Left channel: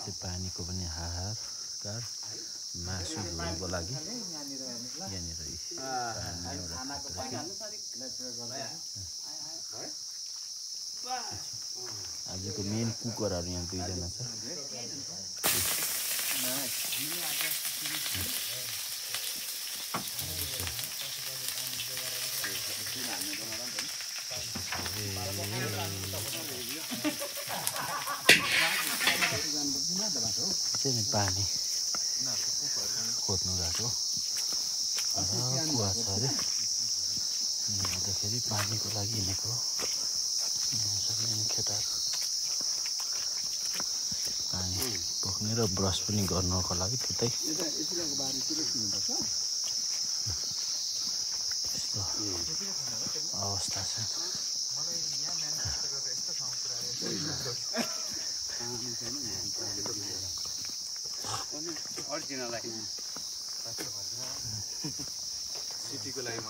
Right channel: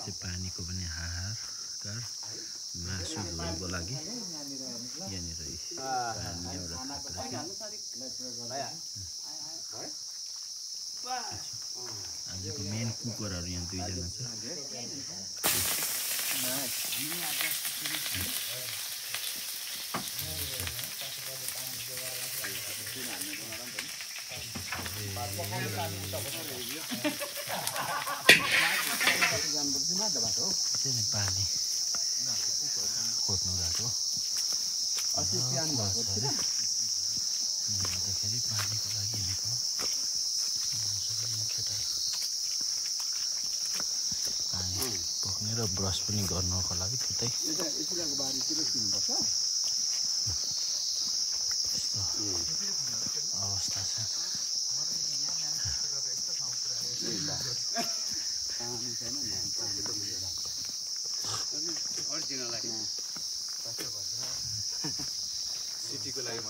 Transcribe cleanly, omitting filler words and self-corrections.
चाहिँ पानीको पनि हाहाकार मासु धुनको लागि यहाँनिर पानी एउटा आजको मेन कुकरहरू यहाँ दुईजना छ चाहिँ पानी खोज्नु गएको कुवा छ अरे अन्तखेरि पानीको लागि हिँडेको पानी बोक्ने र ब्रस पनि गर्नको लागि त्यतै अवस्था छ सिटीको लागि